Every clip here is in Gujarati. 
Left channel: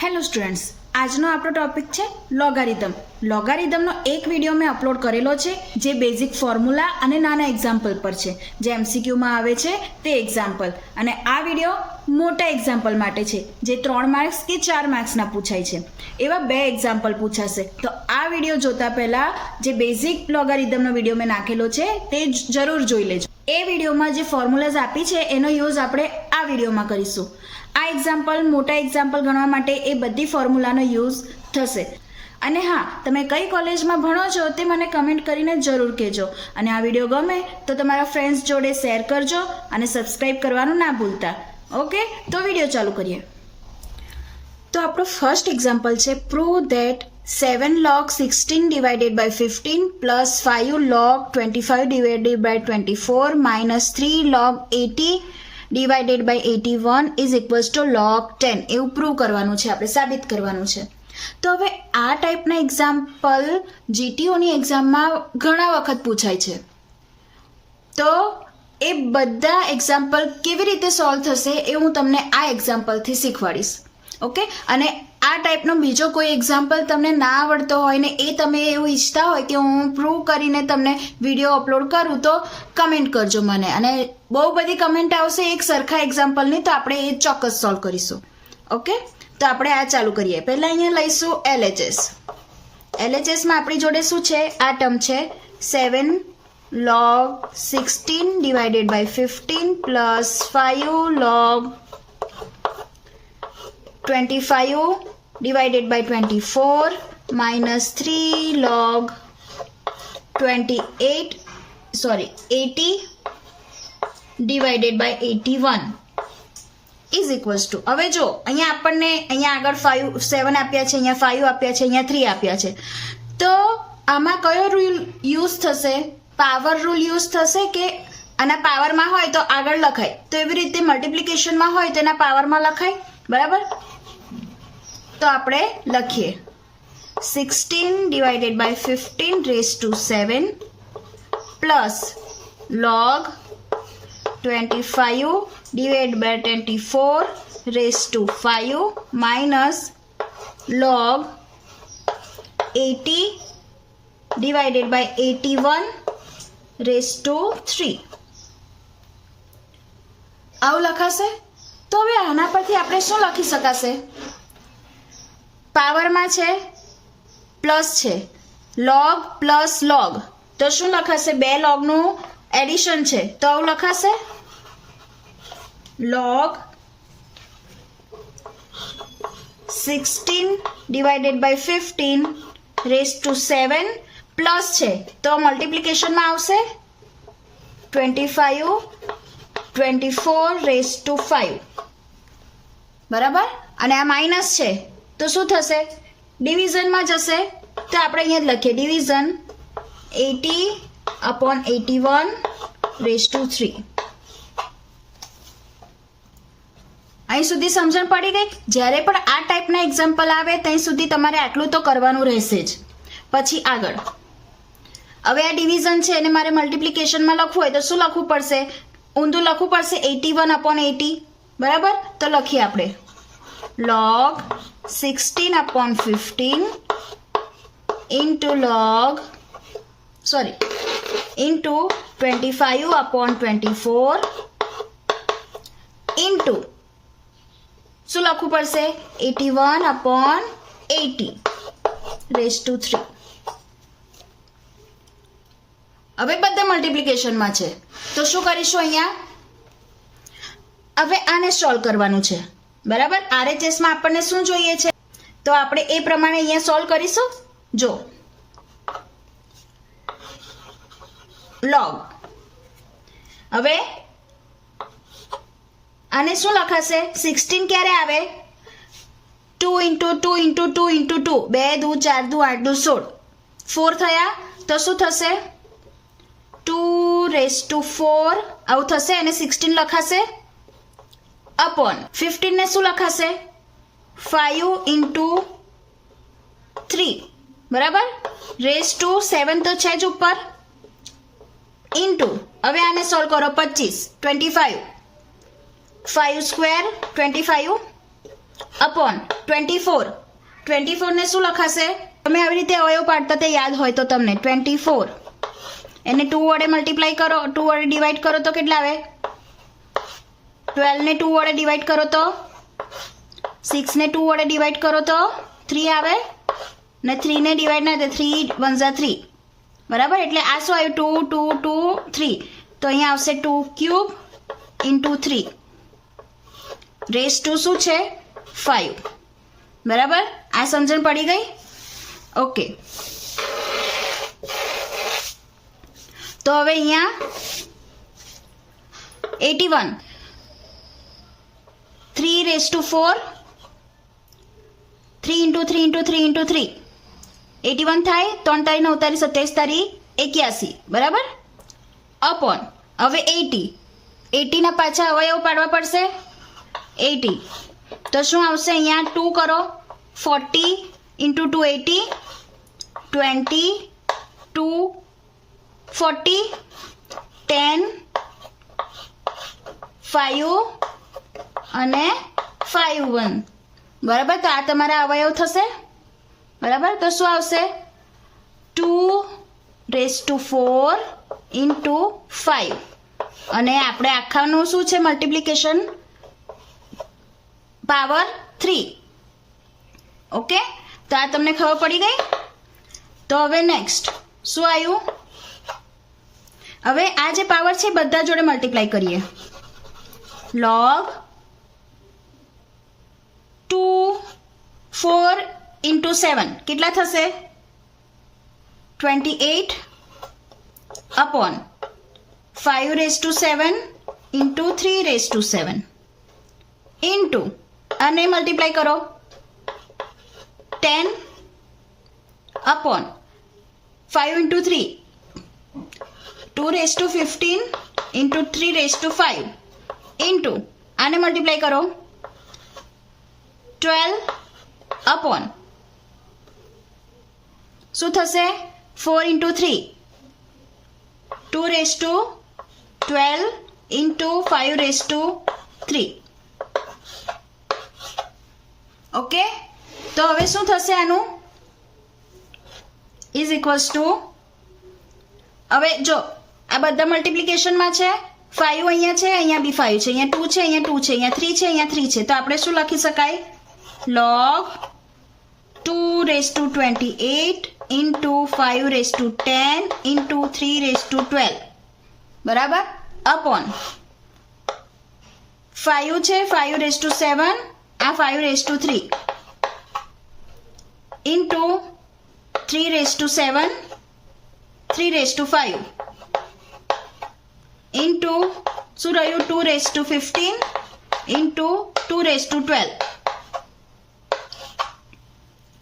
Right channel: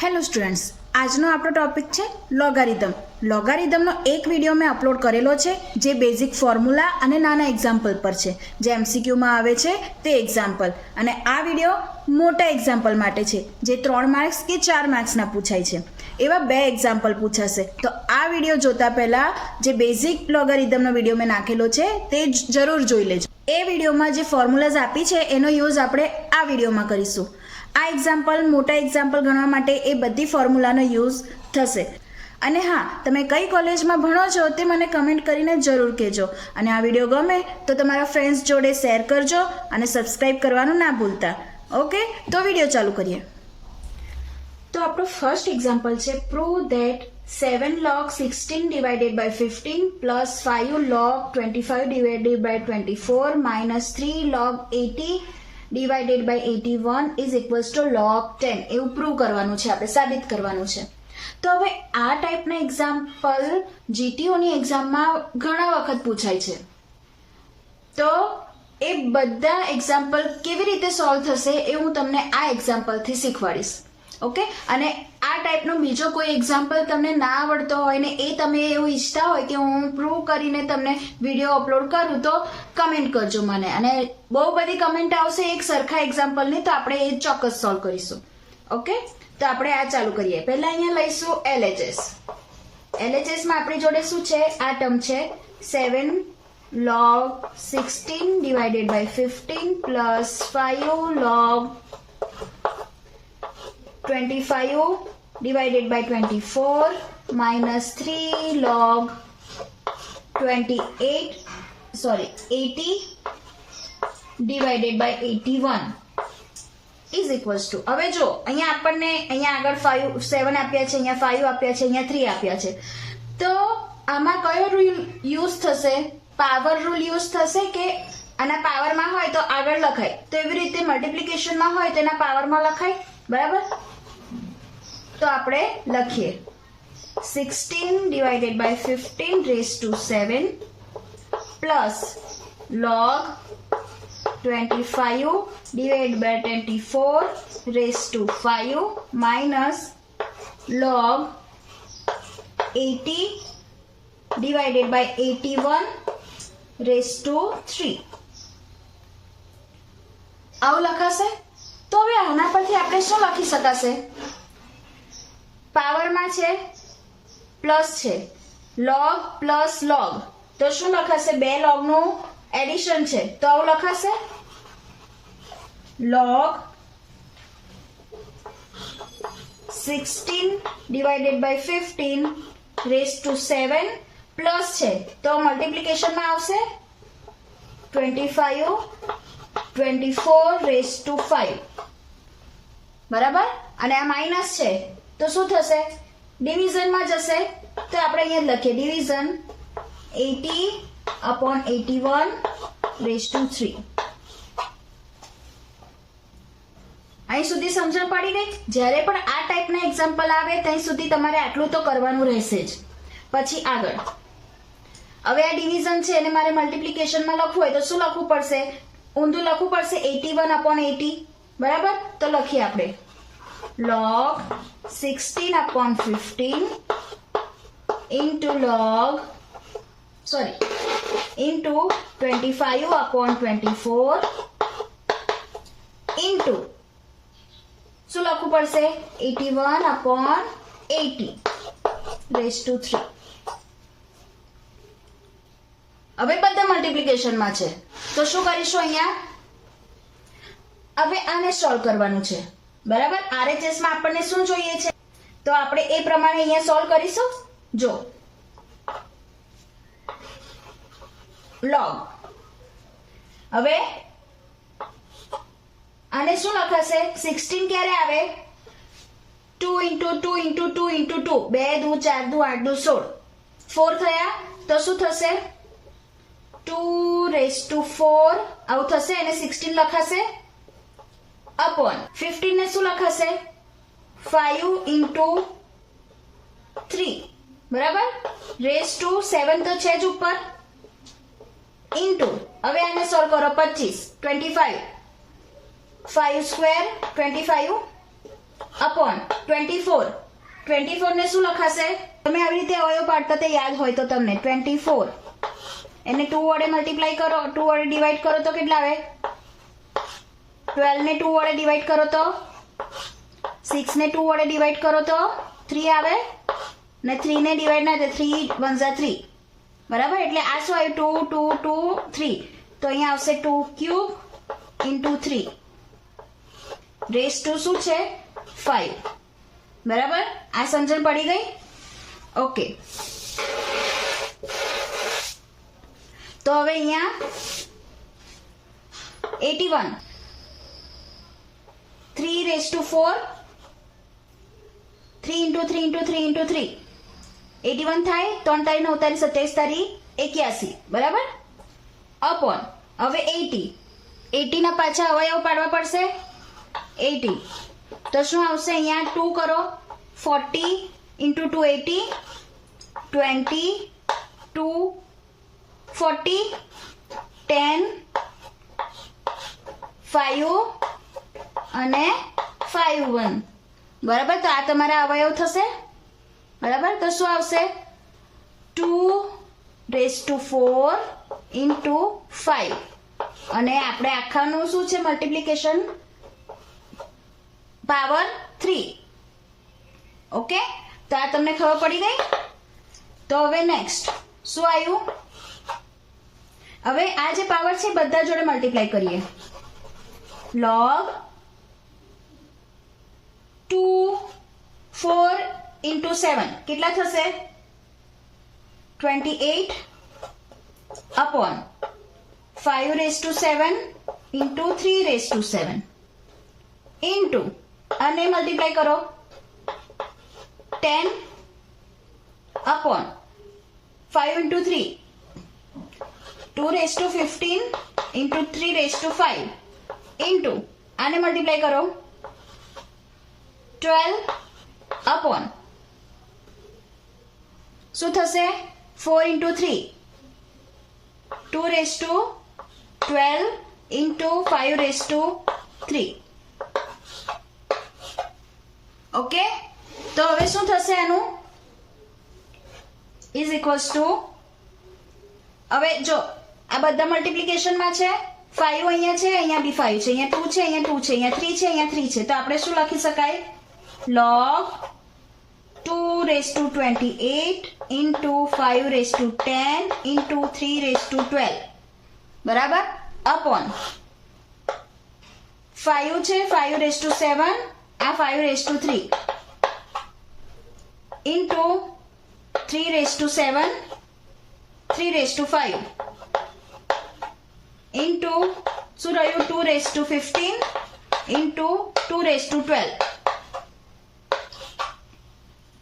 હેલો સ્ટુડન્ટ્સ, આજનો આપણો ટોપિક છે લોગારિધમ. લોગારિધમનો એક વિડીયો મેં અપલોડ કરેલો છે જે બેઝિક ફોર્મ્યુલા અને નાના એક્ઝામ્પલ પર છે, જે એમસીક્યુમાં આવે છે તે એક્ઝામ્પલ. અને આ વિડીયો મોટા એક્ઝામ્પલ માટે છે જે 3 માર્ક્સ કે 4 માર્ક્સના પૂછાય છે. એવા 2 એક્ઝામ્પલ પૂછાશે. તો આ વિડીયો જોતા પહેલાં જે બેઝિક લોગારિધમનો વિડીયો મેં નાખેલો છે તે જરૂર જોઈ લેજો. એ વિડીયોમાં જે ફોર્મ્યુલાઝ આપી છે એનો યુઝ આપણે આ વિડીયોમાં કરીશું. આ એક્ઝામ્પલ મોટા એક્ઝામ્પલ ગણવા માટે એ બધી ફોર્મ્યુલાનો યુઝ થશે. અને હા, તમે કઈ કોલેજમાં ભણો છો તે મને કમેન્ટ કરીને જરૂર કહેજો. અને આ વિડીયો ગમે તો તમારા ફ્રેન્ડ્સ જોડે શેર કરજો અને સબસ્ક્રાઈબ કરવાનું ના ભૂલતા. ઓકે, તો વિડીયો ચાલુ કરીએ. તો આપણું ફર્સ્ટ એક્ઝામ્પલ છે prove that 7 log 16 divided by 15 plus 5 log 25 divided by 24 minus 3 log 80 divided by 81 is equals to log 10. એવું પ્રૂવ કરવાનું છે, આપણે સાબિત કરવાનું છે. તો હવે આ ટાઈપના એક્ઝામ્પલ જીટીઓની એક્ઝામમાં ઘણા વખત પૂછાય છે. તો એ બધા એક્ઝામ્પલ કેવી રીતે સોલ્વ થશે એ હું તમને આ એક્ઝામ્પલથી શીખવાડીશ. ઓકે, અને આ ટાઈપનો બીજો કોઈ એક્ઝામ્પલ તમને ના આવડતો હોય ને એ તમે એવું ઈચ્છતા હોય કે હું પ્રૂવ કરીને તમને વિડીયો અપલોડ કરું તો કમેન્ટ કરજો મને. અને બહુ બધી કમેન્ટ આવશે એક સરખા એક્ઝામ્પલની, તો આપણે એ ચોક્કસ સોલ્વ કરીશું. ઓકે, તો આપણે આ ચાલુ કરીએ. પહેલાં અહીંયા લઈશું LHS. LHSમાં આપણી જોડે શું છે? આ ટર્મ છે 7 log 16 divided by 15 plus 5 log 25 divided by 24 minus 3 log 80 divided by 81 is equals to. હવે જો અહીંયા આપણને અહીંયા આગળ 7 આપ્યા છે, અહીંયા 5 આપ્યા છે, અહીંયા 3 આપ્યા છે. તો આમાં કયો રૂલ યુઝ થશે? પાવર રૂલ યુઝ થશે કે આના પાવરમાં હોય તો આગળ લખાય, તો એવી રીતે મલ્ટિપ્લિકેશનમાં હોય તો એના પાવરમાં લખાય. બરાબર? તો આપણે લખીએ 16 divided by 15 raised to 7 plus log 25 divided by 24 raised to 5 minus log 80 divided by 81 raised to 3. આવું લખાશે. તો હવે આના પરથી આપણે શું લખી શકાશે? પાવરમાં છે, પ્લસ છે, લોગ પ્લસ લોગ, તો શું લખાશે? 2 લોગનું એડિશન છે, તો આવું લખાશે log 16 divided by 15 raised to 7 plus છે તો મલ્ટિપ્લિકેશનમાં આવશે 25 24 raised to 5. બરાબર? અને આ માઇનસ છે તો શું થશે? ડિવિઝનમાં જશે. તો આપણે અહીંયા જ લખીએ ડિવિઝન 80/81 raised to 3. અહીં સુધી સમજણ પડી ગઈ? જ્યારે પણ આ ટાઈપના એક્ઝામ્પલ આવે ત્યાં સુધી તમારે આટલું તો કરવાનું રહેશે જ. પછી આગળ હવે આ ડિવિઝન છે અને મારે મલ્ટિપ્લિકેશનમાં લખવું હોય તો શું લખવું પડશે? ઊંધું લખવું પડશે 81/80. બરાબર? તો લખીએ આપણે log 16/15 into 25/24 into શું લખવું પડશે? 81/80 raised to 3. હવે બધા મલ્ટિપ્લિકેશનમાં છે તો શું કરીશું? અહીંયા હવે આને સોલ્વ કરવાનું છે. બરાબર? RHS માં આપણને શું જોઈએ છે તો આપણે એ પ્રમાણે અહીંયા સોલ્વ કરીશું. જો log, હવે આને શું લખાશે? 16 ક્યારે આવે? 2 into 2 into 2 into 2, 2 દુ 4 દુ 8 દુ 16, 4 થયા તો શું થશે? 2 raised to 4 આવું થશે. અને 16 લખાશે upon 15 ને શું લખાશે? 5 into 3. બરાબર? raised to 7 તો છે જ ઉપર, into હવે આને સોલ્વ કરો 25 25 5 સ્ક્વેર 25 अपॉन 24 24 ने શું લખાશે તમે આવી રીતે અવયવ પાડતા તે યાદ હોય તો તમને 24 એને 2 વડે મલ્ટીપ્લાય કરો 2 વડે ડિવાઈડ કરો તો કેટલા આવે 12 ને 2 વડે ડિવાઈડ કરો તો 6 ને 2 વડે ડિવાઈડ કરો તો 3 આવે ને 3 ને ડિવાઈડ ના થાય 3 1 જા 3 બરાબર એટલે આ શું આવ્યું 2 2 2 3 તો અહીંયા આવશે 2 ક્યુબ ઇન્ટુ 3 રેસ ટુ શું છે 5 બરાબર આ સમજણ પડી ગઈ ઓકે તો હવે અહીંયા 81 3 raise to 4 3 into 3 into 3 into 3 81 થાય 3 તારી 9 તારી 27 તારી 81 બરાબર અપોન હવે 80 ના પાછા અવયવ પાડવા પડશે 80 તો શું આવશે અહીંયા 2 કરો 40 ઇન્ટુ 280 20 2 40 10 5 અને 5 1 બરાબર તો આ તમારા અવયવ થશે બરાબર તો શું આવશે 2 રેસ ટુ 4 ઇન્ટુ 5 અને આપણે આખાનું શું છે મલ્ટીપ્લિકેશન પાવર 3 ઓકે તો આ તમને ખબર પડી ગઈ તો હવે નેક્સ્ટ શું આવ્યું હવે આ જે પાવર છે બધા જોડે મલ્ટીપ્લાય કરીએ log 2 4 ઇન્ટુ 7 કેટલા થશે 28 upon 5 raise to 7 into 3 raise to 7 into અને મલ્ટીપ્લાય કરો 10 upon 5 into 3 2 raise to 15 into 3 raise to 5 into આને મલ્ટીપ્લાય કરો 12 અપોન શું થશે 4 into 3 2 raise to 12 into 5 raise to 3 okay તો હવે શું થશે આનું ઇઝ ઇક્વલ્સ ટુ હવે જો આ બધા મલ્ટીપ્લિકેશનમાં છે 5 અહીંયા છે અહીંયા બી 5 છે અહીંયા 2 છે અહીંયા 2 છે અહીંયા 3 છે અહીંયા 3 છે તો આપણે શું લખી શકાય log 2 raise to 28 into 5 raise to 10 into 3 raise to 12 બરાબર અપોન 5 છે 5 રેસ ટુ 7 આ 5 raise to 3 into 3 raise to 7 3 raise to 5 into શું રહ્યું 2 raise to 15 into 2 raise to 12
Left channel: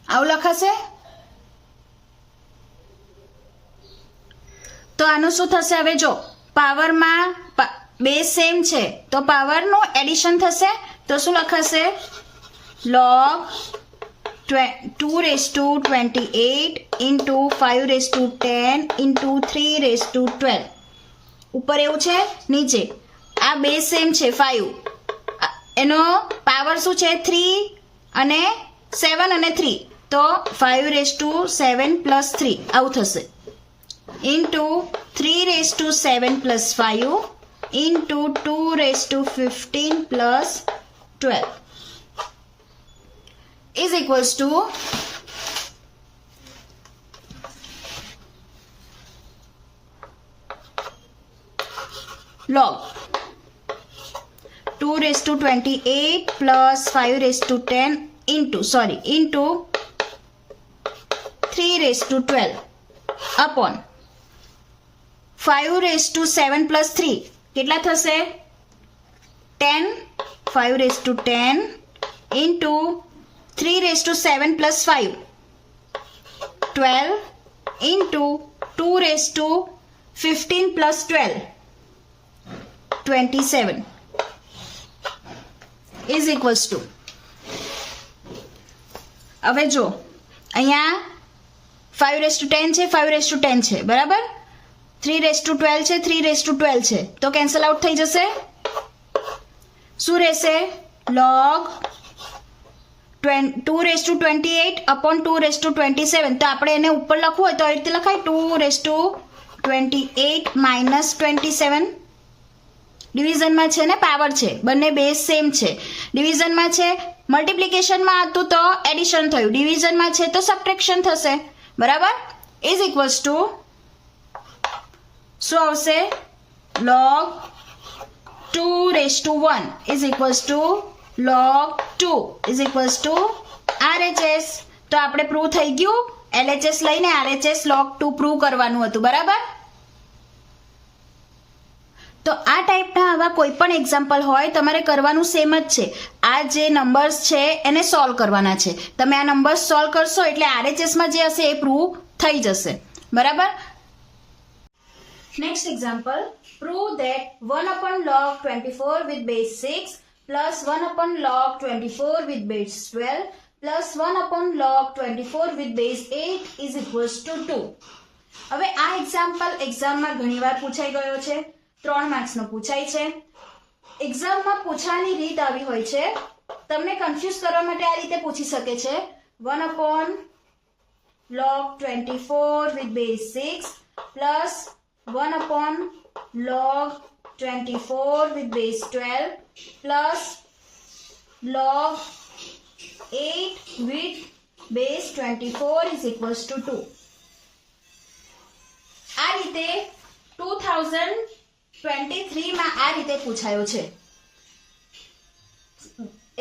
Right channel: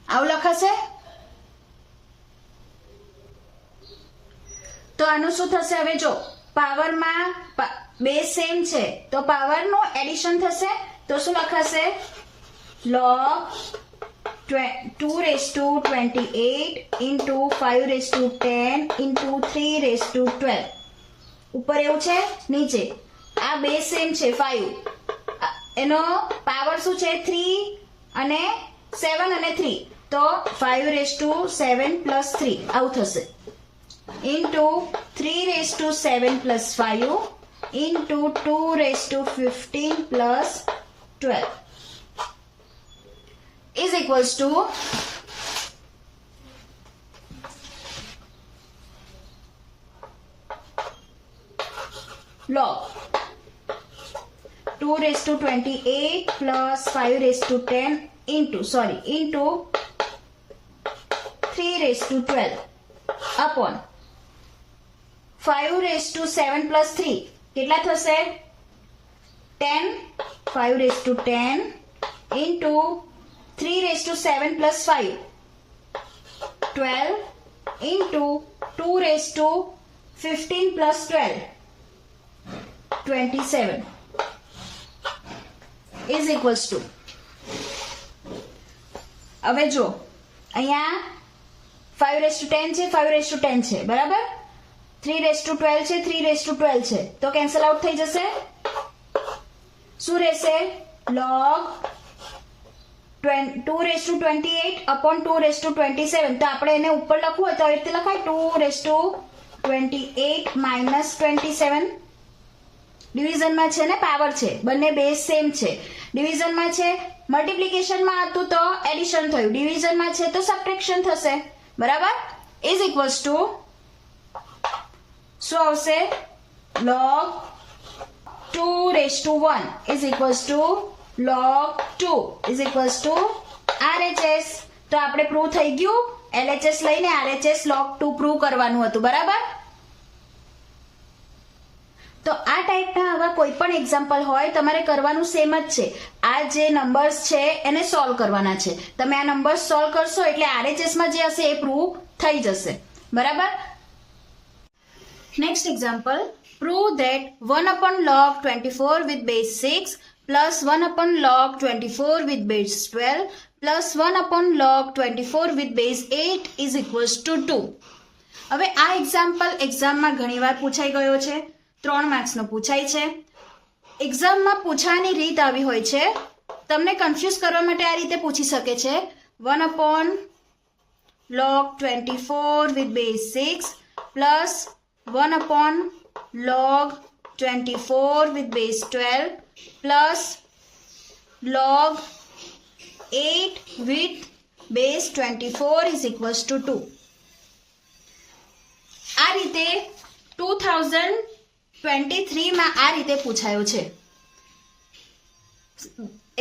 આવું લખાશે તો આનું શું થશે હવે જો પાવરમાં બે સેમ છે તો પાવરનું એડિશન થશે તો શું લખાશે log 2 raise to 28 into 5 raise to 10 into 3 raise to 12 ઉપર એવું છે નીચે આ બે સેમ છે 5 એનો પાવર શું છે 3 અને 7 અને 3 તો 5 રેસ ટુ 7 પ્લસ 3 આવું થશે into 3 raise to 7 plus 5 into 2 raise to 15 plus 12 is equals to log 2 raised to 28 plus 5 raised to 10 into 3 raised to 12 upon 5 raised to 7 plus 3 કેટલા થશે 10 5 raised to 10 into 3 raised to 7 plus 5 12 into 2 raised to 15 plus 12 27 is equals to હવે જો અહીંયા 5 raised to 10 છે 5 raised to 10 છે બરાબર 3 raised to 12 છે 3 raised to 12 છે તો કેન્સલ આઉટ થઈ જશે શું રહેશે log 2^28 upon 2^27. તો આપણે એને ઉપર લખવું હોય તો આવી રીતે લખાય 2^28 minus 27. ડિવિઝનમાં છે ને પાવર છે, બંને બેઝ સેમ છે. ડિવિઝનમાં છે, મલ્ટિપ્લિકેશનમાં હતું તો એડિશન થયું, ડિવિઝનમાં છે તો સબટ્રેક્શન થશે. બરાબર. ઇઝ ઇક્વલ્સ ટુ શું આવશે? log 2^1 is equals to log 2 is equals to RHS. તો આપણે પ્રૂવ થઈ ગયું. LHS લઈને RHS log 2 પ્રૂવ કરવાનું હતું. બરાબર. તો આ ટાઈપના આવા કોઈ પણ એક્ઝામ્પલ હોય તમારે કરવાનું સેમ જ છે. આ જે નંબર્સ છે એને સોલ્વ કરવાના છે. તમે આ નંબર્સ સોલ્વ કરશો એટલે RHS માં જે હશે એ પ્રૂવ થઈ જશે. બરાબર. Next example, prove that 1/log 24 with base 6 plus 1/log 24 with base 12 plus 1/log 24 with base 8 is equals to 2. હવે આ એક્ઝામ્પલ એક્ઝામમાં ઘણીવાર પૂછાઈ ગયો છે. 3 માર્ક્સનો પૂછાય છે. એક્ઝામમાં પૂછવાની રીત આવી હોય છે. તમને કન્ફ્યુઝ કરવા માટે આ રીતે પૂછી શકે છે 1/log 24 with base 6 plus 1/log 24 with base 12 plus log 8 with base 24 is equals to 2. આ રીતે 2023 માં આ રીતે પૂછાયો છે.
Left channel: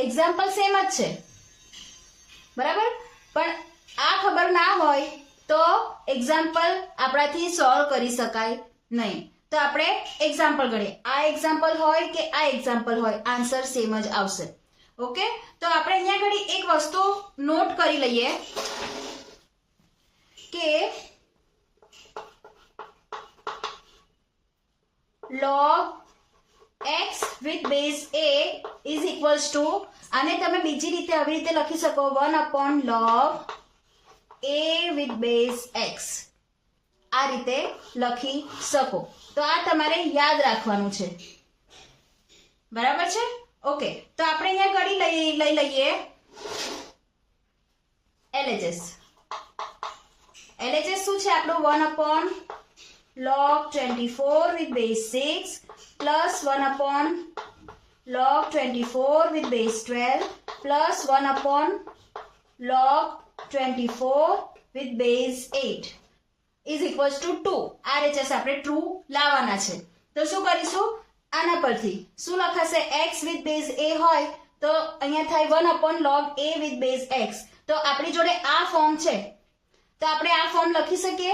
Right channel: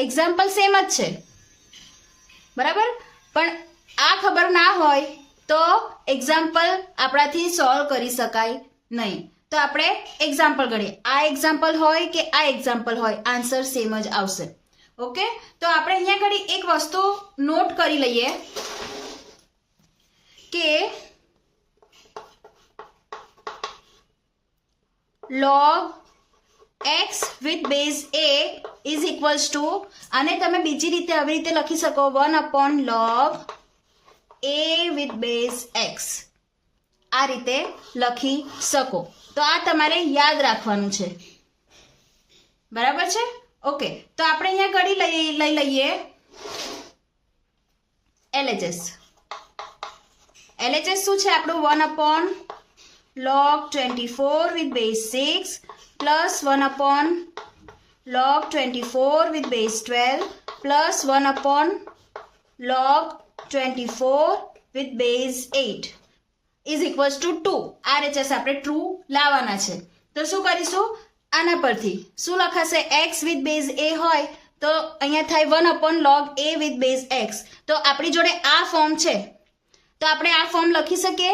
એક્ઝામ્પલ સેમ જ છે. બરાબર. પણ આ ખબર ના હોય તો એક્ઝામ્પલ આપણાથી સોલ્વ કરી શકાય નહીં. તો આપણે એક્ઝામ્પલ ગણીએ. આ એક્ઝામ્પલ હોય કે આ એક્ઝામ્પલ હોય, આન્સર સેમ જ આવશે. ઓકે. તો આપણે અહીંયા ઘડી એક વસ્તુ નોટ કરી લઈએ કે log x with base a is equals to, અને તમે બીજી રીતે આવી રીતે લખી શકો 1/log a with base x. આ રીતે લખી શકો. તો આ તમારે યાદ રાખવાનું છે. બરાબર છે. ઓકે. તો આપણે અહીંયા ઘડી લઈ લઈએ LHS. LHS શું છે આપણું? 1/log 24 with base 6 plus 1/log 24 with base 12 plus 1/log 24 with base 8 is equals to 2. RHS આપણે ટ્રુ લાવવાના છે. તો શું કરીશું? આના પરથી શું લખાશે? x with base a હોય તો અહીંયા થાય 1/log a with base x. તો આપણી જોડે આ ફોર્મ છે તો આપણે આ ફોર્મ લખી શકીએ.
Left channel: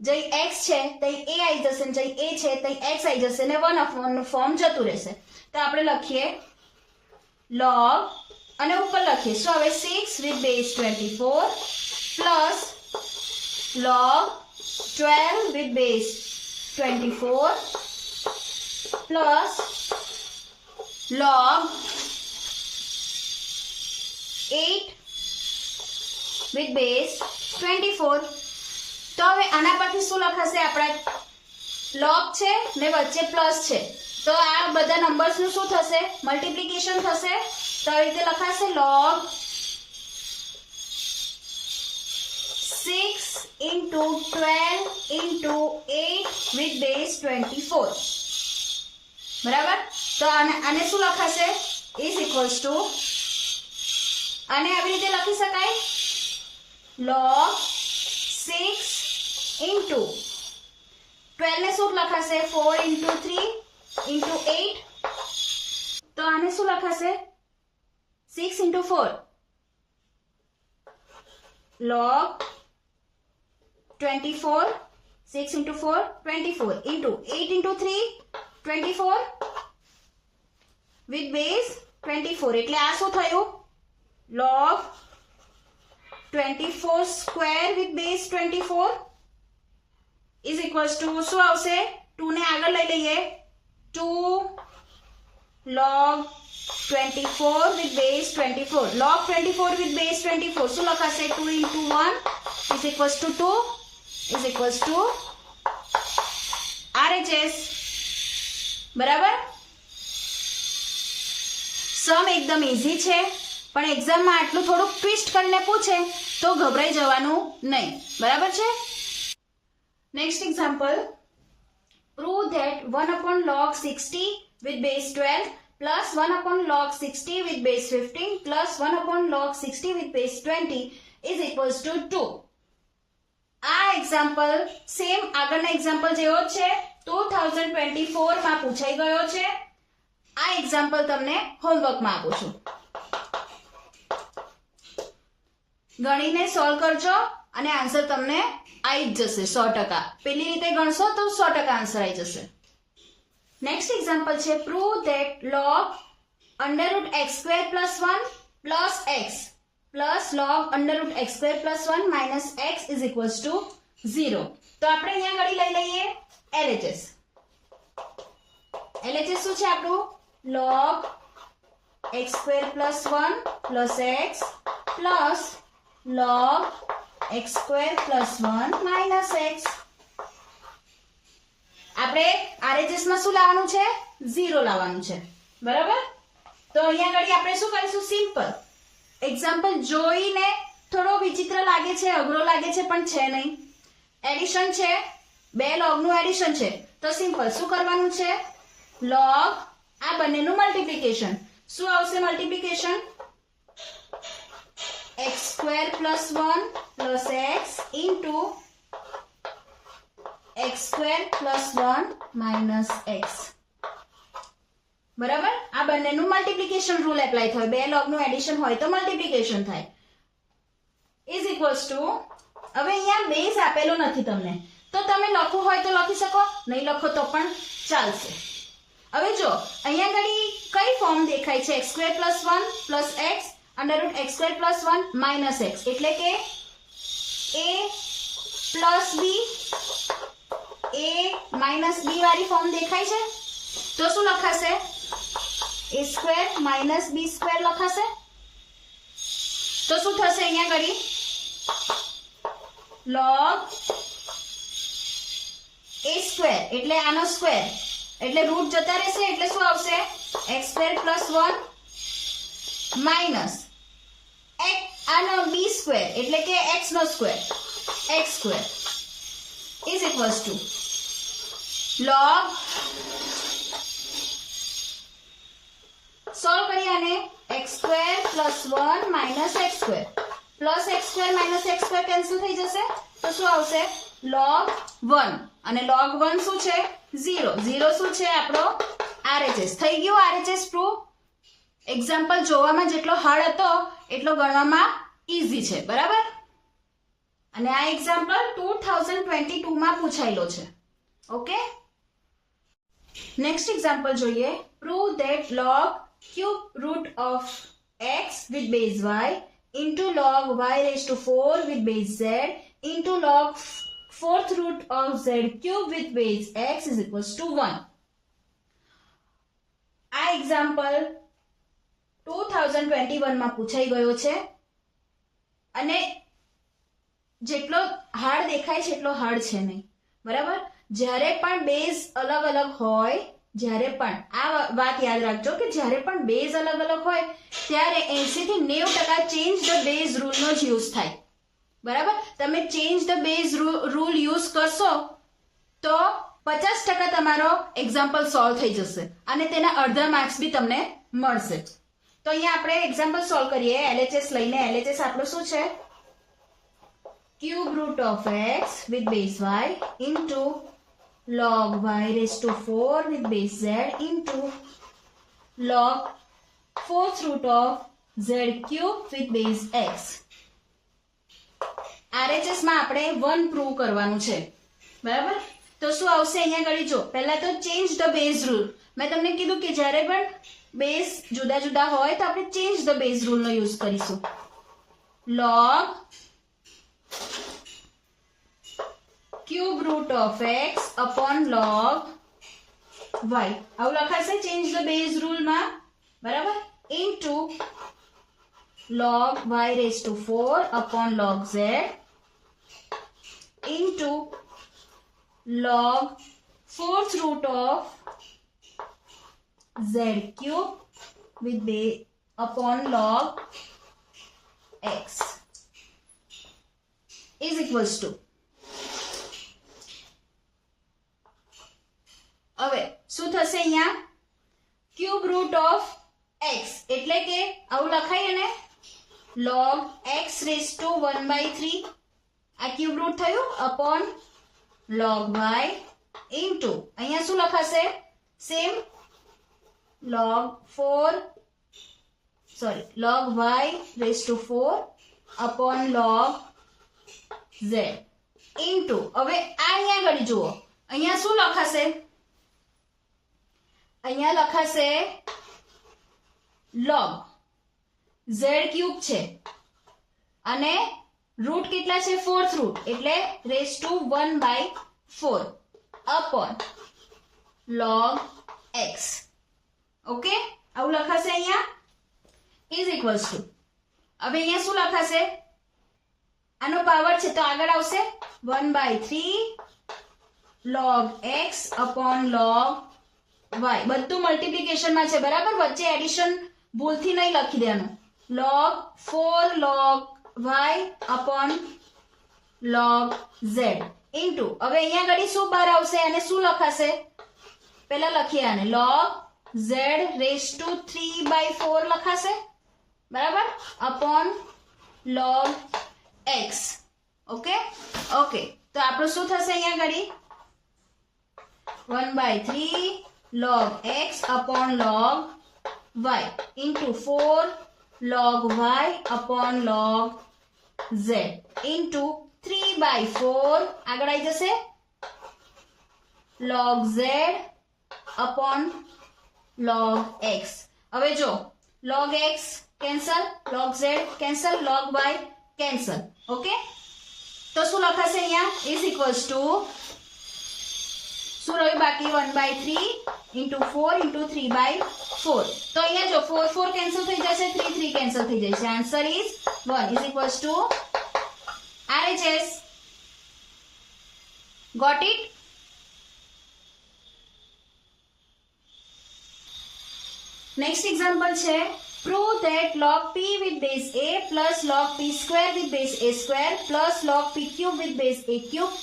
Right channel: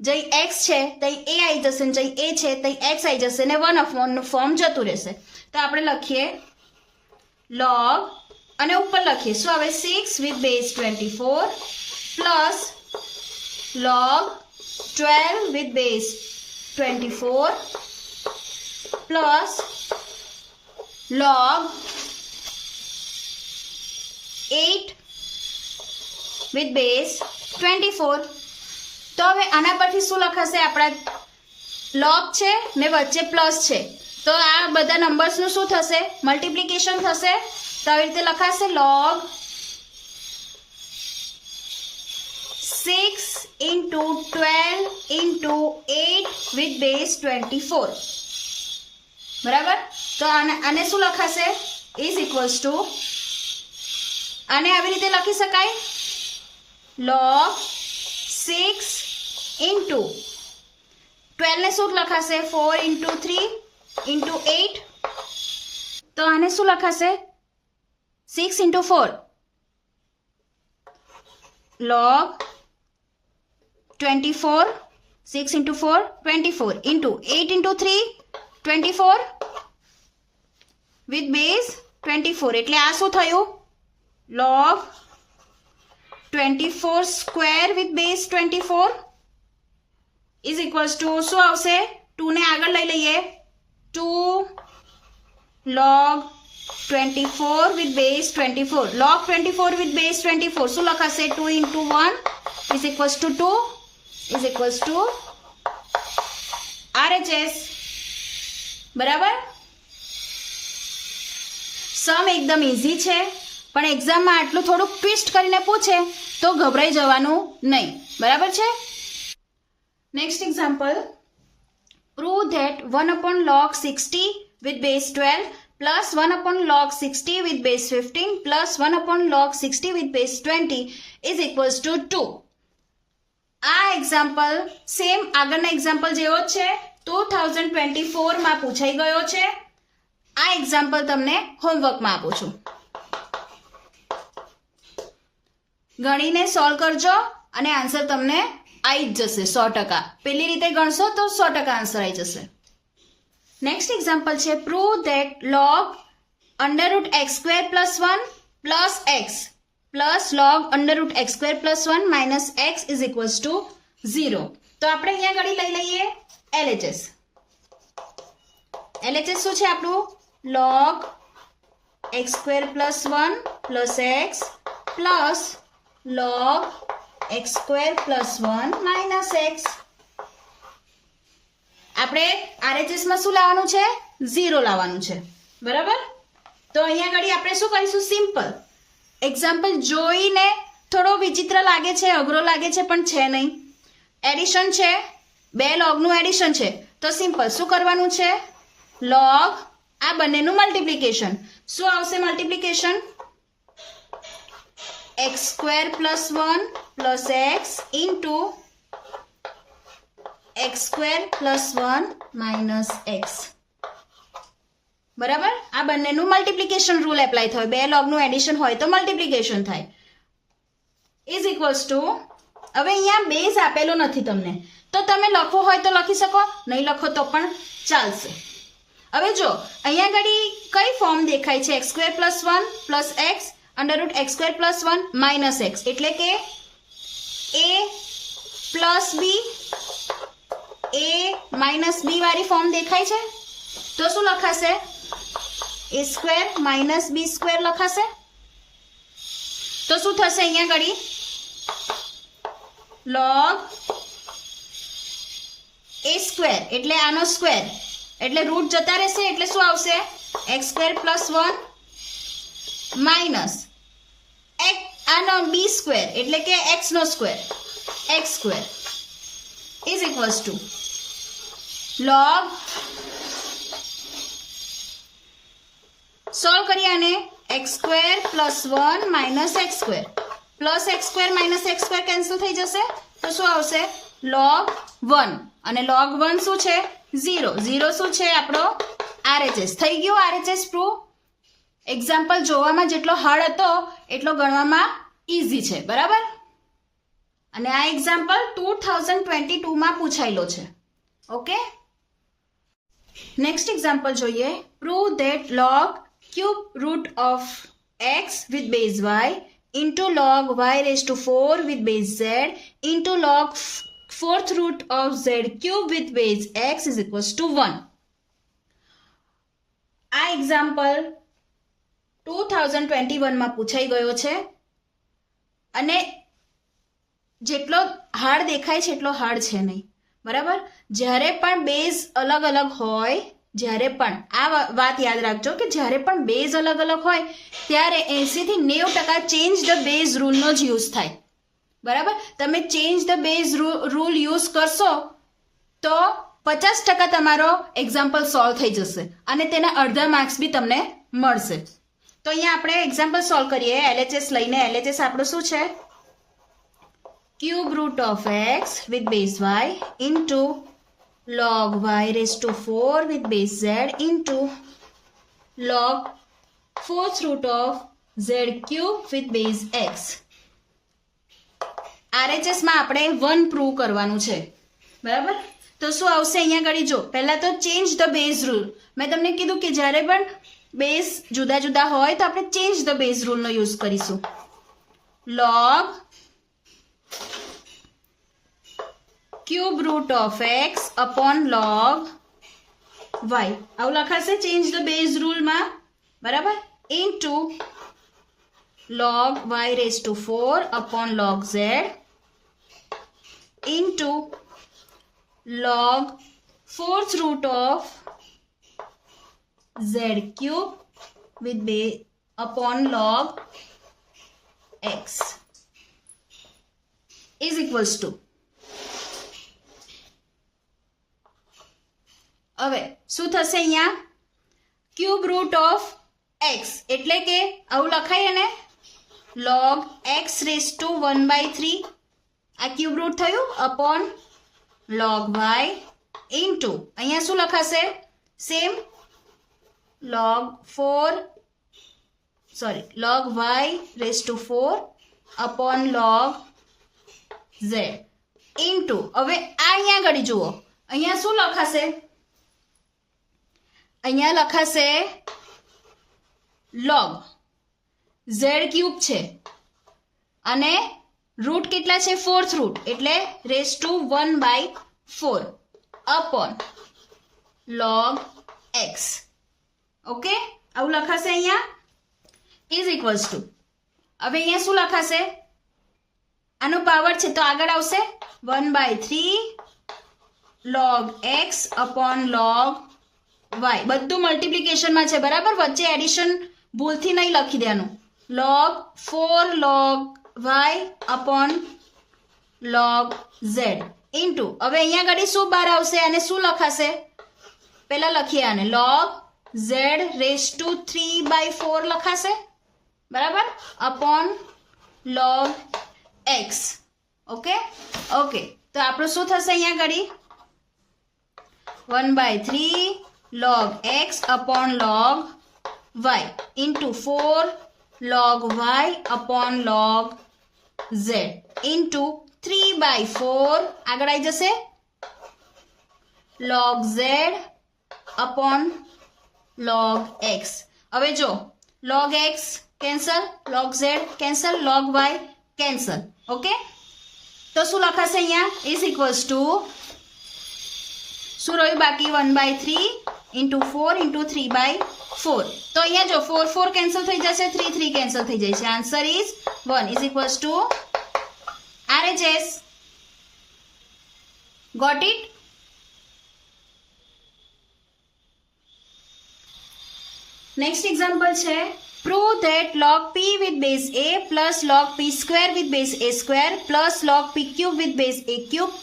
જઈ x છે તઈ a આવી જશે, જઈ a છે તઈ x આવી જશે ને 1/નું ફોર્મ જતું રહેશે. તો આપણે લખીએ log અને ઉપર લખીએ શું આવે? 6 with base 24 plus log 12 with base 24 plus log 8 with base 24. તો હવે આના પરથી શું લખાશે? આપણા log છે ને વચ્ચે પ્લસ છે તો આ બધા નંબર્સનું શું થશે? મલ્ટિપ્લિકેશન થશે. તો આવી રીતે લખાશે log 6 into 12 into 8 with base 24. બરાબર. તો આને શું લખાશે? is equals to, આને આવી રીતે લખી શકાય log 6 into 12 ને શું લખાશે? 4 into 3 into 8. તો આને શું લખાશે? 6 into 4 log 24, 6 into 4 24 into 8 into 3 24 with base 24. એટલે આ શું થયું? log 24 square with base 24 is equals to શું આવશે? 2 ને આગળ લઈ લઈએ 2 log 24 with base 24. log 24 with base 24 શું લખાશે? 2 into 1 is equals to 2 is equals to RHS. બરાબર. સમ એકદમ ઇઝી છે. પણ એક્ઝામમાં આટલું થોડુંક ટ્વિસ્ટ કરીને પૂછે તો ગભરાઈ જવાનું નહીં. બરાબર છે? Next example, prove that 1/log60 with base 12 plus 1/log60 with base 15 plus 1/log60 with base 20 is equals to 2. આ એક્ઝામ્પલ સેમ આગળના એક્ઝામ્પલ જેવો જ છે, 2024 માં પૂછાઈ ગયો છે. આ એક્ઝામ્પલ તમને હોમવર્કમાં આપું છું. ગણીને સોલ્વ કરજો અને આન્સર તમને આવી જ જશે 100%. પેલી રીતે ગણશો તો 100% આન્સર આવી જશે. નેક્સ્ટ એક્ઝામ્પલ છે, prove that log √x² + 1 plus x plus log √x² + 1 minus x is equals to 0. તો આપણે અહીંયા ઘડી લઈ લઈએ LHS. LHS શું છે આપણું? log x² + 1 plus x plus log x² + 1 minus x. આપણે RHS માં શું લાવવાનું છે? 0 લાવવાનું છે. બરાબર? તો અહીંયા ઘડી આપણે શું કરીશું? સિમ્પલ એક્ઝામ્પલ જોઈને થોડો વિચિત્ર લાગે છે, અઘરો લાગે છે, પણ છે નહીં. એડિશન છે, બે લોગનું એડિશન છે, તો સિમ્પલ શું કરવાનું છે? લોગ આ બંનેનું મલ્ટીપ્લિકેશન. શું આવશે multiplication? x² + 1 plus x into x² + 1 minus x. બરાબર? આ બંનેનું મલ્ટીપ્લિકેશન રૂલ એપ્લાય થયો. બે લોગનું એડિશન હોય તો મલ્ટીપ્લિકેશન થાય. ઇઝ ઇક્વલ્સ ટુ, હવે અહીંયા બેઝ આપેલો નથી તમને, તો તમે લખવો હોય તો લખી શકો, નહીં લખો તો પણ ચાલશે. હવે જો અહીંયા ઘડી કઈ ફોર્મ દેખાય છે? x² + 1 plus x √x² + 1 minus x, એટલે કે a plus b, a minus b વાળી ફોર્મ દેખાય છે. તો શું લખાશે? a² - b² લખાશે. તો શું થશે અહીંયા ઘડી? log a² એટલે આનો સ્ક્વેર, એટલે રૂટ જતા રહેશે, એટલે શું આવશે? x² + 1 માઇનસ આનો b² એટલે કે x નો square, x² is equals to log, solve કરીએ આને, x² + 1 minus x² plus x² minus x² cancel થઈ જશે, તો શું આવશે? log 1 અને log 1 શું છે? 0. 0 શું છે? આપણો RHS. થઈ ગયું RHS પ્રૂવ. એક્ઝામ્પલ જોવામાં જેટલો હાર્ડ હતો એટલો ગણવામાં ઈઝી છે. બરાબર? અને આ એક્ઝામ્પલ 2022 માં પૂછાયેલો છે. ઓકે, નેક્સ્ટ એક્ઝામ્પલ જોઈએ. Prove that log cube root of x with base y into log y⁴ with base z into log 4th root of z cube with base x is equals to 1. આ એક્ઝામ્પલ 2021 માં પૂછાઈ ગયો છે અને જેટલો હાર્ડ દેખાય છે એટલો હાર્ડ છે નહીં. બરાબર? જ્યારે પણ બેઝ અલગ અલગ હોય, જ્યારે પણ આ વાત યાદ રાખજો કે જ્યારે પણ બેઝ અલગ અલગ હોય ત્યારે 80 થી 90% ચેન્જ ધ બેઝ રૂલનો જ યુઝ થાય. બરાબર? તમે change the base rule use કરશો તો 50% તમારો એક્ઝામ્પલ સોલ્વ થઈ જશે અને તેના અડધા માર્ક્સ બી તમને મળશે. તો અહીંયા આપણે એક્ઝામ્પલ સોલ્વ કરીએ LHS લઈને. LHS આપણું શું છે? cube root of x with base y into log y⁴ with base z into log 4th root of z cube with base x. RHS માં આપણે 1 પ્રૂવ કરવાનું છે. બરાબર? તો શું આવશે અહીંયા ઘડી? જો પહેલા તો ચેન્જ ધ બેઝ રૂલ. મેં તમને કીધું કે જ્યારે પણ બેઝ જુદા જુદા હોય તો આપણે ચેન્જ ધ બેઝ રૂલનો યુઝ કરીશું. log cube root of x upon log y, આવું લખાશે ચેન્જ ધ બેઝ રૂલમાં. બરાબર? Into log y⁴ upon log z into log 4th root of z cube with upon log x is equals to હવે શું થશે અહીંયા ક્યુબ રૂટ ઓફ x એટલે કે આવું લખાય અને log x રેઝ ટુ 1/3 આ ક્યુબ રૂટ થયું અપોન log y ઇન્ટુ અહીંયા શું લખાશે same log y raise to 4 upon log z into હવે આ અહીંયા આગળ જુઓ અહીંયા શું લખાશે અહીંયા લખાશે log z ક્યુબ છે અને રૂટ કેટલા છે ફોર્થ રૂટ એટલે raise to 1/4 upon log x okay આવું લખાશે અહીંયા ઇઝ ઇક્વલ્સ ટુ હવે અહીંયા શું લખાશે આનો પાવર છે તો આગળ આવશે 1/3 log x upon log y બધું મલ્ટીપ્લિકેશનમાં છે બરાબર વચ્ચે એડિશન ભૂલથી નહીં લખી દેવાનું log 4 log y upon log z into હવે અહીંયા આગળ શું બહાર આવશે અને શું લખાશે પહેલા લખીએ આને log z રેઝ ટુ 3/4 લખાશે બરાબર upon log x okay okay તો આપણું શું થશે અહીંયા આગળ 1/3 log x upon log y into 4 log y upon log z into 3/4 આગળ આવી જશે log z upon log x હવે જો log x cancel log z cancel log y cancel okay તો શું લખાશે અહીંયા ઇઝ ઇક્વલ્સ ટુ શું રહ્યું બાકી 1/3 into 4 into 3/4 તો અહીંયા જો 4 4 કેન્સલ થઈ જશે 3 3 કેન્સલ થઈ જશે answer is 1 is equals to RHS got it next example છે prove that log p with base a plus log p square with base a square plus log p cube with base a cube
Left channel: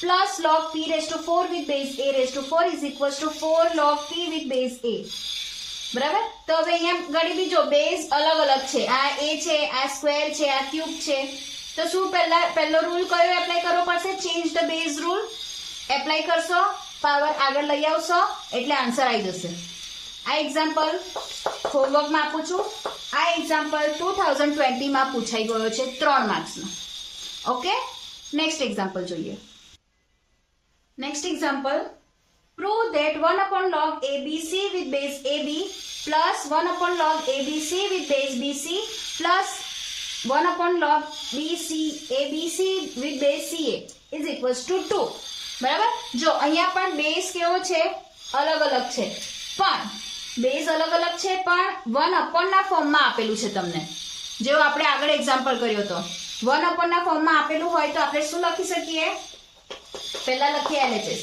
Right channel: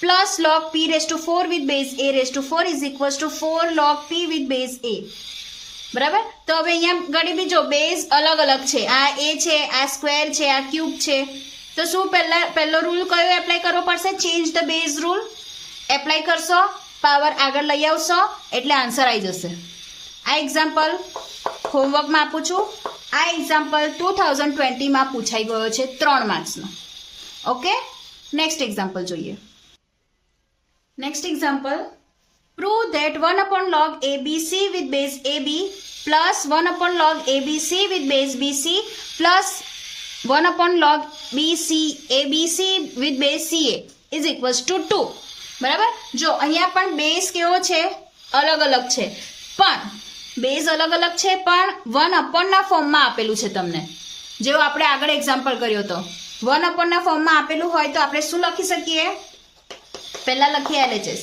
plus log p raised to 4 with base a raised to 4 is equals to 4 log p with base a બરાબર તો હવે અહીંયા ઘણી બીજો બેઝ અલગ અલગ છે આ a છે આ સ્ક્વેર છે આ ક્યુબ છે તો શું પહેલો રૂલ કયો એપ્લાય કરવો પડશે change the base rule apply કરશો પાવર આગળ લઈ આવશો એટલે આન્સર આવી જશે આ એક્ઝામ્પલ હોમવર્કમાં આપું છું આ એક્ઝામ્પલ 2020માં પૂછાઈ ગયો છે 3 માર્ક્સનો ઓકે નેક્સ્ટ એક્ઝામ્પલ જોઈએ Next example, prove that 1 upon log ABC with base AB plus 1 upon log ABC with base BC plus 1 upon log BC ABC with base CA is equals to 2. બરાબર જો અહીંયા પણ બેઝ કેવો છે અલગ અલગ છે પણ બેઝ અલગ અલગ છે પણ 1 upon ના ફોર્મમાં આપેલું છે તમને જેવું આપણે આગળ એક્ઝામ્પલ કર્યો હતો 1 upon ના ફોર્મમાં આપેલું હોય તો આપણે શું લખી શકીએ पहला लखिए LHS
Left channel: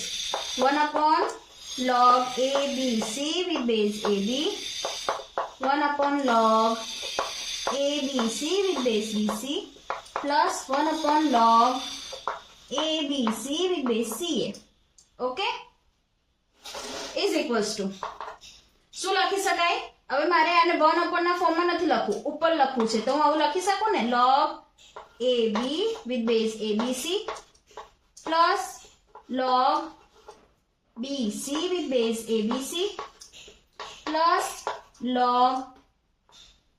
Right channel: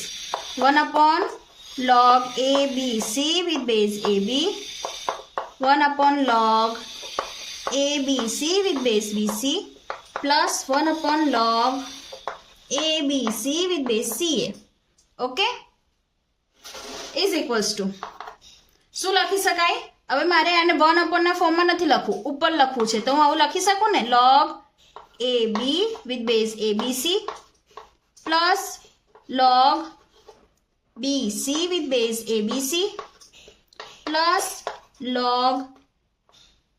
1 upon log ABC with base AB 1 upon log ABC with base BC plus 1 upon log ABC with base CA okay is equals to શું લખી શકાય હવે મારે આને 1 upon ના ફોર્મમાં નથી લખવું ઉપર લખવું છે તો હું આવું લખી શકું ને log AB with base ABC plus log BC with base ABC plus log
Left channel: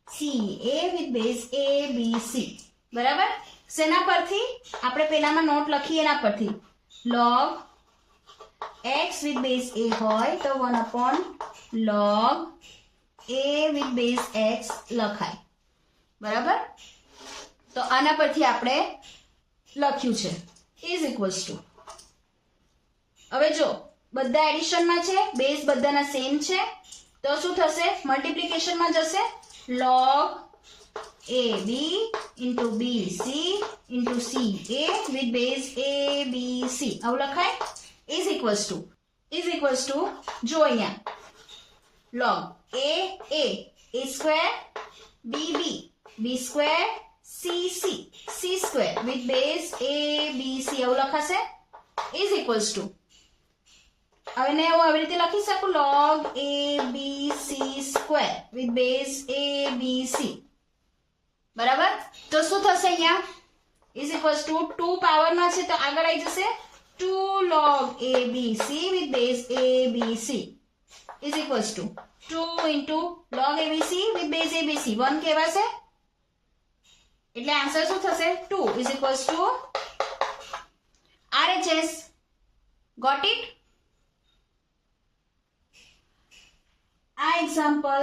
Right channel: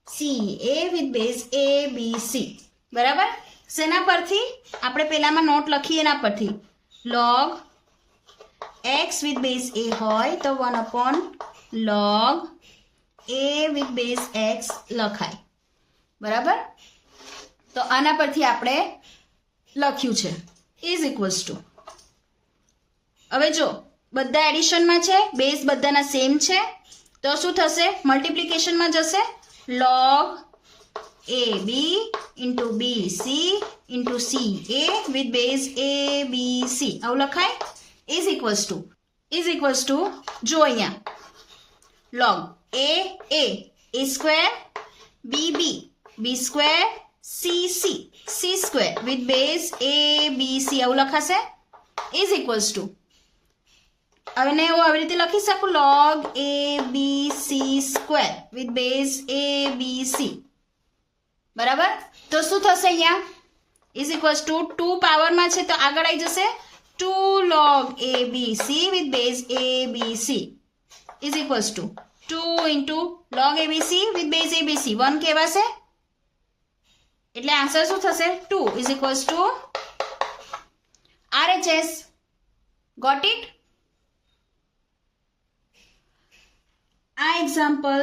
CA with base ABC બરાબર શેના પરથી આપણે પહેલામાં નોટ લખીએ એના પરથી log x with base A હોય તો 1 upon log A with base x લખાય બરાબર તો આના પરથી આપણે લખ્યું છે is equals to હવે જો બધા એડિશનમાં છે બેઝ બધાના સેમ છે તો શું થશે મલ્ટીપ્લિકેશનમાં જશે log AB into BC into CA with base ABC આવું લખાય is equals to જો અહીંયા log A square b b square c square with base a b c આવું લખાશે ઇઝ ઇક્વલ્સ ટુ હવે ને હું આવી રીતે લખી શકું log a b c square with base a b c બરાબર તો શું થશે અહીંયા ઇઝ ઇક્વલ્સ ટુ 2 પાવરમાં છે તો આગળ આવી જશે 2 log a b c with base a b c is equals two 2 into log abc with base abc 1 કહેવાશે એટલે આન્સર શું થશે 2 is equals to RHS. Got it? આ એક્ઝામ્પલ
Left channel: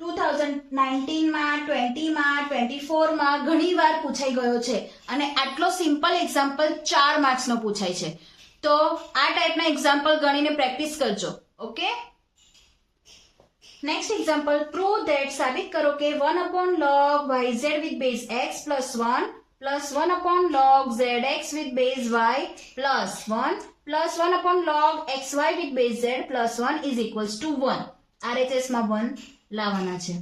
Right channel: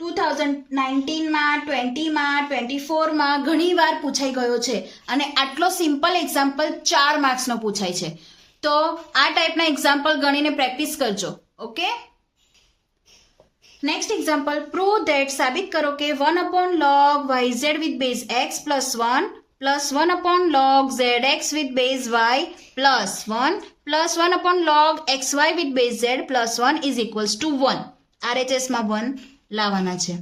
2019 માં 20 માં 24 માં ઘણી વાર પૂછાઈ ગયો છે અને આટલો સિમ્પલ એક્ઝામ્પલ 4 માર્ક્સનો પૂછાય છે તો આ ટાઈપના એક્ઝામ્પલ ગણીને પ્રેક્ટિસ કરજો okay next example prove that સાબિત કરો કે 1 log yz with base x plus 1 plus 1 log zx with base y plus 1 plus 1 log xy with base z plus 1 is equals to 1 RHS માં 1 લાવવાના છે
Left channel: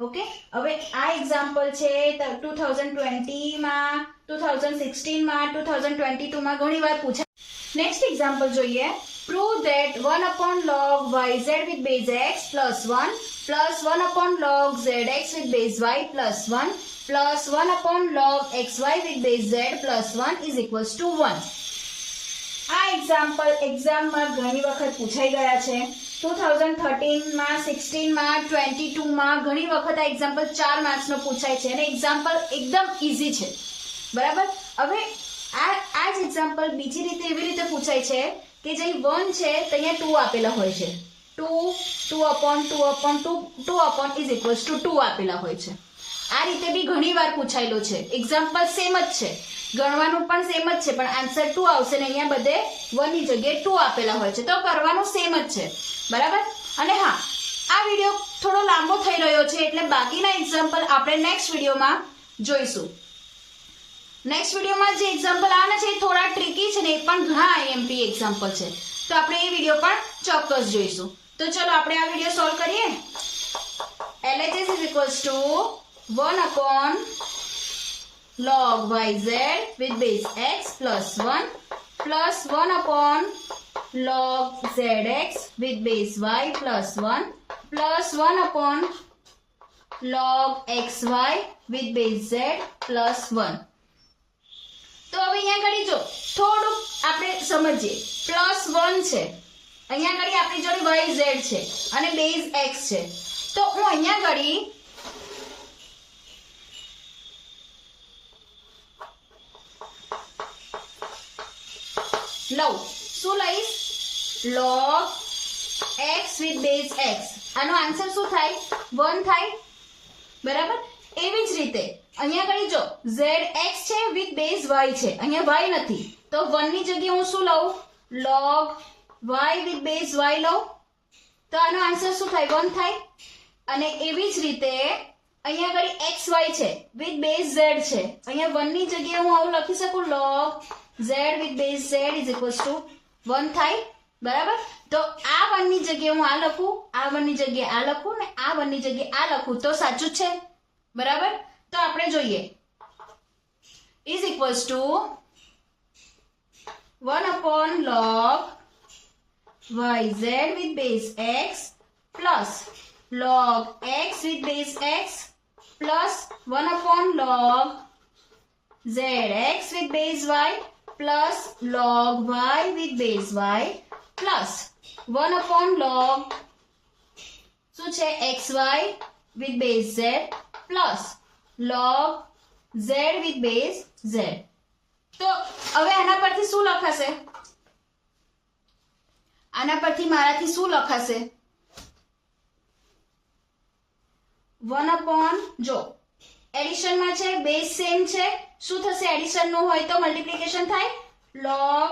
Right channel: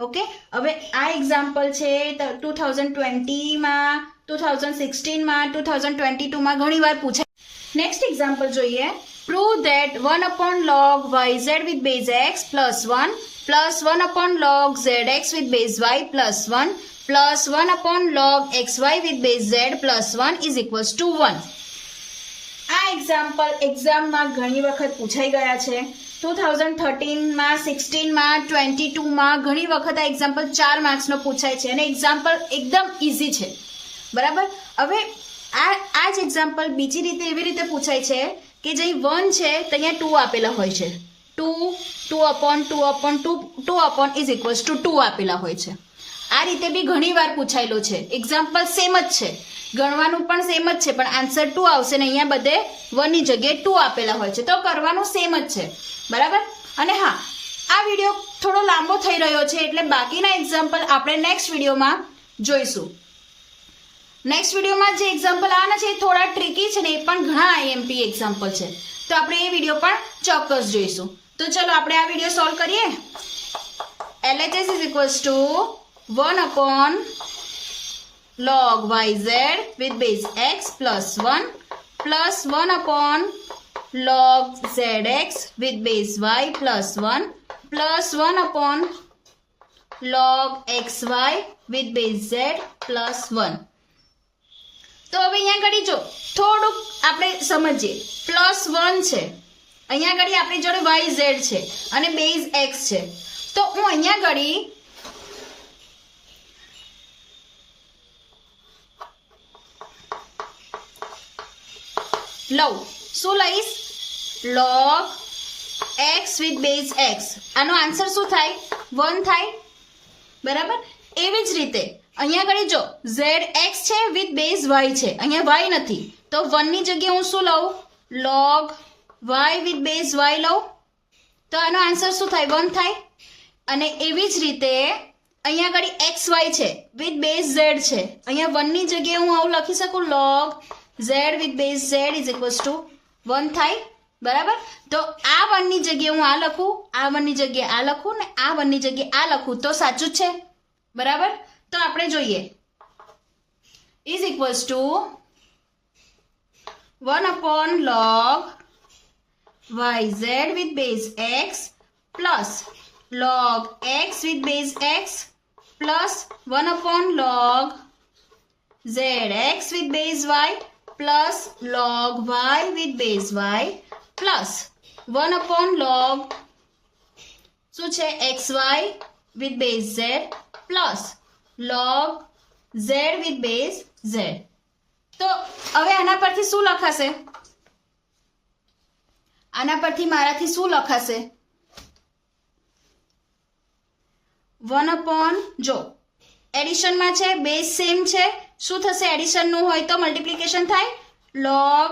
ઓકે હવે આ એક્ઝામ્પલ છે 2020 માં 2016 માં 2022 માં ઘણી વાર પૂછાય નેક્સ્ટ એક્ઝામ્પલ જોઈએ prove that 1 log yz with base x plus 1 plus 1 log zx with base y plus 1 plus 1 log xy with base z plus 1 is equals to 1 આ એક્ઝામ્પલ એક્ઝામમાં ઘણી વખત પૂછાઈ ગયા છે 2013 માં 16 માં 22 માં ઘણી વખત આ એક્ઝામ્પલ 4 માર્ક્સનો પૂછાય છે અને એક્ઝામ્પલ એકદમ ઇઝી છે બરાબર હવે આ જ એક્ઝામ્પલ બીજી રીતે એવી રીતે પૂછાય છે કે જે 1 છે તો અહીંયા 2 આપેલા હોય છે 2 is equals to 2 આપેલા હોય છે આ રીતે બી ઘણી વાર પૂછાયેલો છે એક્ઝામ્પલ સેમ જ છે ગણવાનું પણ સેમ જ છે પણ આન્સર 2 આવશે ને અહીંયા બધે 1 ની જગ્યાએ 2 આપેલા હોય છે તો કરવાનું સેમ જ છે બરાબર અને હા આ વિડીયો થોડો લાંબો થઈ રહ્યો છે એટલે બાકીના એક્ઝામ્પલ આપણે નેક્સ્ટ વિડીયોમાં જોઈશું નેક્સ્ટ વિડીયોમાં જે એક્ઝામ્પલ આવવાના છે એ થોડા ટ્રિકી છે ને એ પણ ઘણા IMP એક્ઝામ્પલ છે તો આપણે એ વિડીયો પણ ચોક્કસ જોઈશું તો ચલો આપણે આ વિડીયો સોલ્વ કરીએ LHS is equals to 1 log yz with base x plus 1 plus 1 log zx with base y plus 1 plus 1 log xy with base z plus 1 તો હવે અહીંયા ઘડી જો થોડુંક આપણે સમજીએ પ્લસ 1 છે અહીંયા ઘડી આપણી જોડે yz છે અને બેઝ x છે તો હું અહીંયા ઘડી લઉં શું લઈશ log x with base x આનો આન્સર શું થાય 1 થાય બરાબર એવી જ રીતે અહીંયા ઘડી જો zx છે with base y છે અહીંયા y નથી તો 1 ની જગ્યાએ હું શું લઉં log y with base y લઉં તો આનો આન્સર શું થાય 1 થાય અને એવી જ રીતે અહીંયા ઘડી xy છે with base z છે અહીંયા 1 ની જગ્યાએ હું આવું લખી શકું log z with base z is equals to 1 થાય બરાબર તો આ 1 ની જગ્યાએ હું આ લખું આ 1 ની જગ્યાએ આ લખું ને આ 1 ની જગ્યાએ આ લખું તો સાચું છે બરાબર તો આપણે જોઈએ is equals to 1 log yz with base x plus log x with base x plus 1 log zx with base y plus log y with base y plus 1 log શું છે xy with base z plus log z with base z તો હવે આના પરથી શું લખાશે આના પરથી મારાથી શું લખાશે 1 જો એડિશન માં છે બેઝ સેમ છે શું થશે એડિશન નું હોય તો મલ્ટીપ્લિકેશન થાય log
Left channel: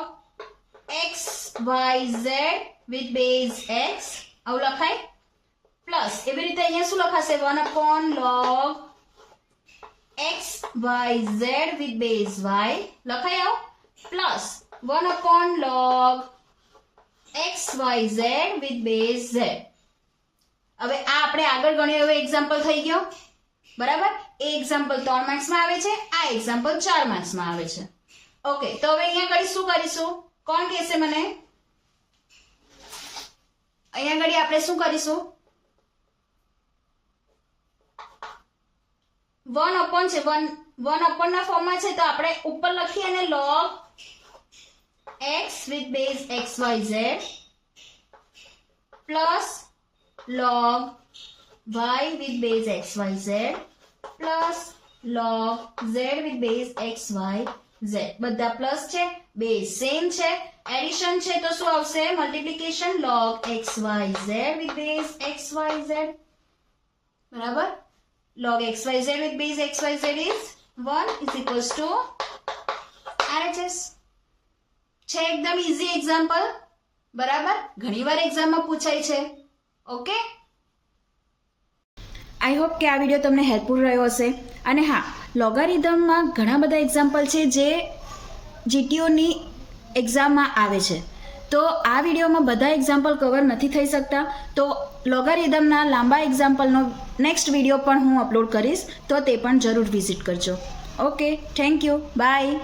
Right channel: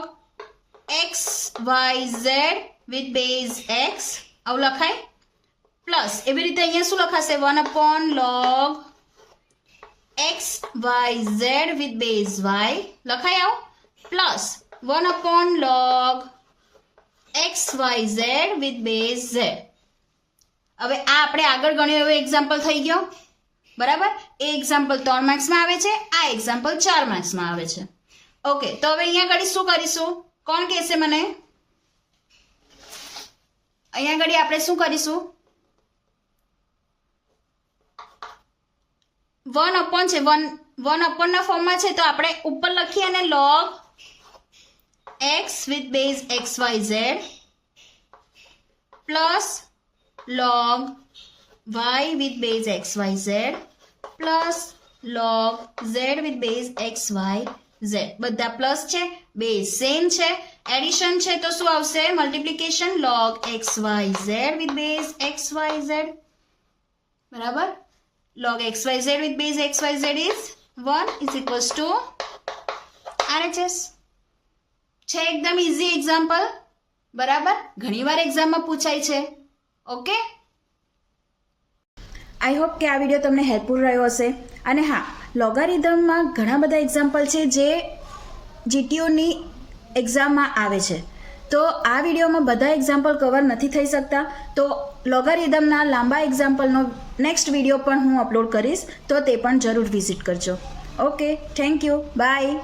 x y z with base x આવું લખાય પ્લસ એવી રીતે અહીંયા શું લખાશે 1 log x y z with base y લખાય આવું plus 1 log x y z with base z હવે આ આપણે આગળ ગણ્યો એવો એક્ઝામ્પલ થઈ ગયો, બરાબર. એ એક્ઝામ્પલ 3 માર્ક્સમાં આવે છે, આ એક્ઝામ્પલ 4 માર્ક્સમાં આવે છે. ઓકે, તો હવે અહીંયા આગળ શું કરીશું? કોણ કહેશે મને? અહીંયા આગળ આપણે શું કરીશું? 1 upon છે, 1 upon ના ફોર્મમાં છે, તો આપણે ઉપર લખીએ અને log x with base xyz plus log y with base xyz plus log z with base xyz. બધા પ્લસ છે, બેઝ સેમ છે, એડિશન છે તો શું આવશે? Multiplication log xyz with base xyz, બરાબર. log xyz with base xyz is 1 is equals to RHS. છે એકદમ ઇઝી એક્ઝામ્પલ, બરાબર. ઘણીવાર એક્ઝામમાં પૂછાય છે. ઓકે, આઈ હોપ કે આ વિડીયો તમને હેલ્પફુલ રહ્યો હશે. અને હા, લોગારિધમમાં ઘણા બધા એક્ઝામ્પલ છે જે જીટીઓની એક્ઝામમાં આવે છે, તો આ વિડીયોમાં બધા એક્ઝામ્પલ કવર નથી થઈ શકતા, તો લોગારિધમના લાંબા એક્ઝામ્પલનો નેક્સ્ટ વિડીયો પણ હું અપલોડ કરીશ, તો તે પણ જરૂર વિઝિટ કરજો. Okay, thank you, by.